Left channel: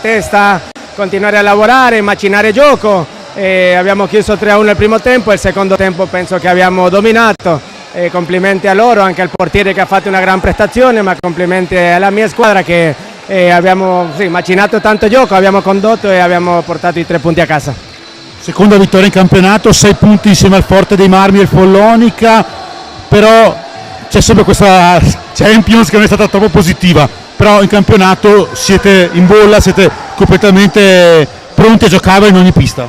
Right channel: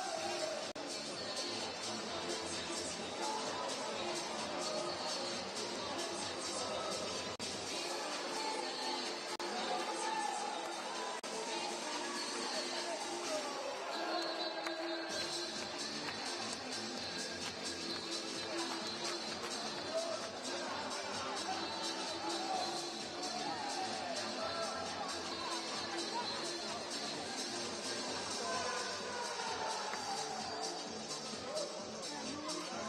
testa, continuare a lavorare, macinare gioco. Abbiamo chiuso 3-1 il primo tempo, il secondo tempo penso che abbiamo dominato. Complimenti a loro, anche al portiere che ha fatto una gran prestazione, ma complimenti alla mia squadra che abbiamo macinato tanto gioco, abbiamo condotto e abbiamo portato i 3 punti a casa. Seconda vittoria in campionato, 6 punti insieme al Forte dei Marmi e il Follonica, però c'è sempre questa Champions che non è stata troppo positiva, però in campionato siete in bolla, siete completamente pronti a giocare in ogni pista.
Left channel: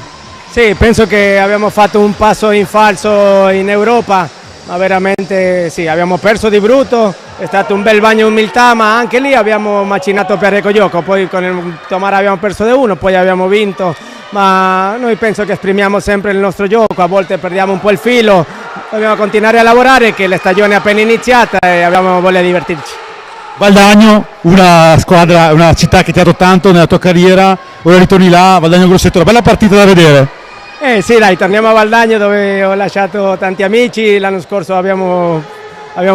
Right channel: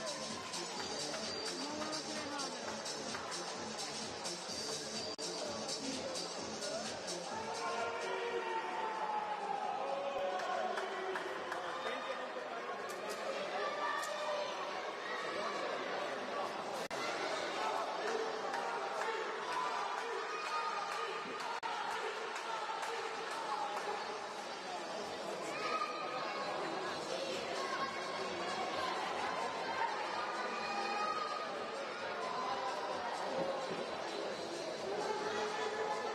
Sì, penso che abbiamo fatto un passo in falso in Europa, ma veramente sì, abbiamo perso di brutto, è stato un bel bagno di umiltà, ma anche lì abbiamo macinato parecchio gioco, poi con il Tomara abbiamo perso di 1, poi abbiamo vinto, ma noi penso che esprimiamo sempre il nostro gioco, a volte perdiamo un po' il filo, dobbiamo continuare a lavorare che la stagione è appena iniziata e abbiamo voglia di divertirci. Valdagno, una squadra, una città che ti ha dato tanto nella tua carriera, ora ritorni là, Valdagno Grosseto, una bella partita da vedere. Sì dai, torniamo a Valdagno dove ho lasciato tanti amici, l'anno scorso abbiamo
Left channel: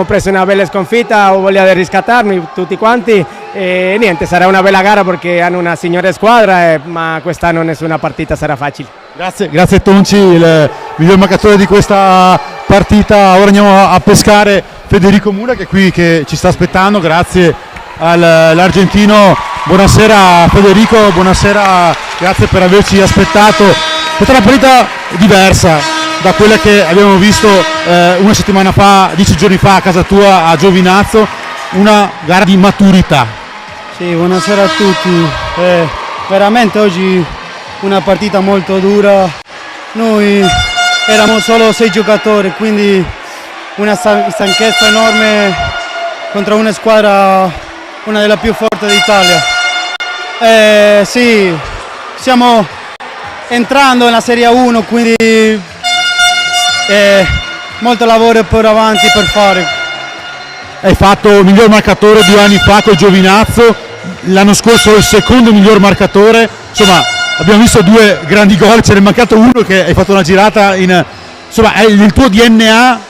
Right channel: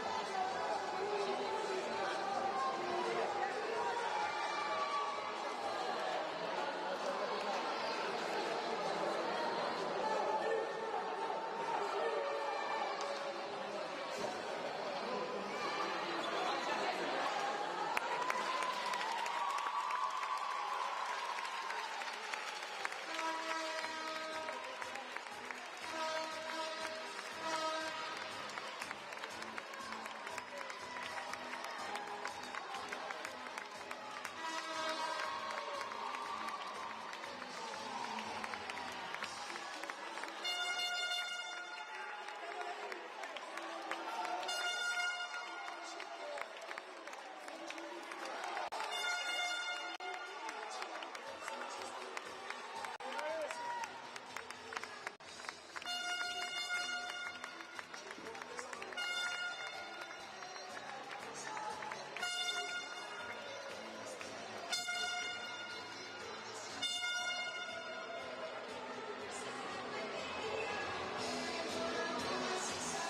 preso una bella sconfitta, ho voglia di riscattarmi tutti quanti e niente, sarà una bella gara perché hanno una signore squadra, ma quest'anno nessuna partita sarà facile. Grazie Tonci, il miglior marcatore di questa partita. Ora andiamo a pescare Federico Mura che è qui, che ci sta aspettando, grazie all'argentino. Buonasera Federico, buonasera, grazie per averci aspettato. È stata una partita diversa da quella che abbiamo visto una settimana fa, 10 giorni fa a casa tua a Giovinazzo, una gara di maturità. Sì, buonasera a tutti. Veramente oggi una partita molto dura. Noi eravamo solo 6 giocatori, quindi una stanchezza enorme contro una squadra, una delle più forti d'Italia. Sì, stiamo entrando nella Serie 1, quindi molto lavoro per avanti per fare. Hai fatto il miglior marcatore 2 anni fa col Giovinazzo, l'anno scorso il secondo miglior marcatore, insomma abbiamo visto 2 grandi gol, ce n'è mancato uno che hai fatto una girata insomma è il tuo DNA,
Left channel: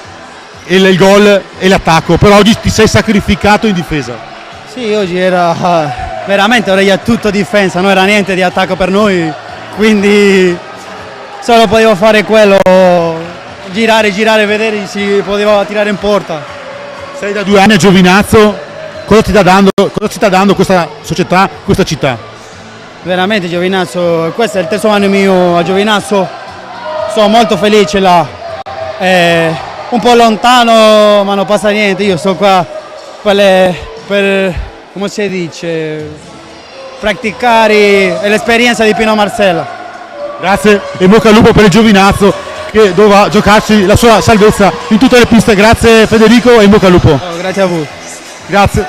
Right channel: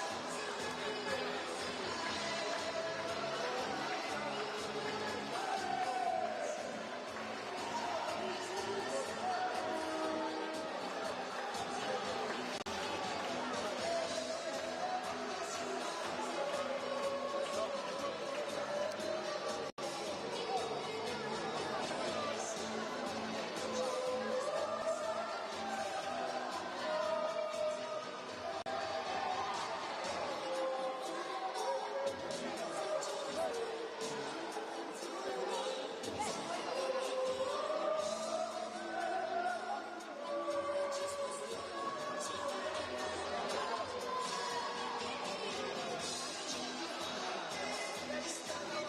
il gol e l'attacco, però oggi ti sei sacrificato in difesa. Sì, oggi era veramente tutto difesa, non era niente di attacco per noi, quindi solo potevo fare quello, girare, vedere se poteva tirare in porta. Sei da 2 anni a Giovinazzo, cosa ti sta dando questa società, questa città? Veramente Giovinazzo, questo è il 3° anno mio a Giovinazzo, sono molto felice là, un po' lontano ma non passa niente, io sto qua per come si dice, praticare l'esperienza di Pino Marcella. Grazie e bocca al lupo per il Giovinazzo che doveva giocarsi la sua salvezza in tutte le piste. Grazie Federico e in bocca al lupo. Grazie a voi. Grazie.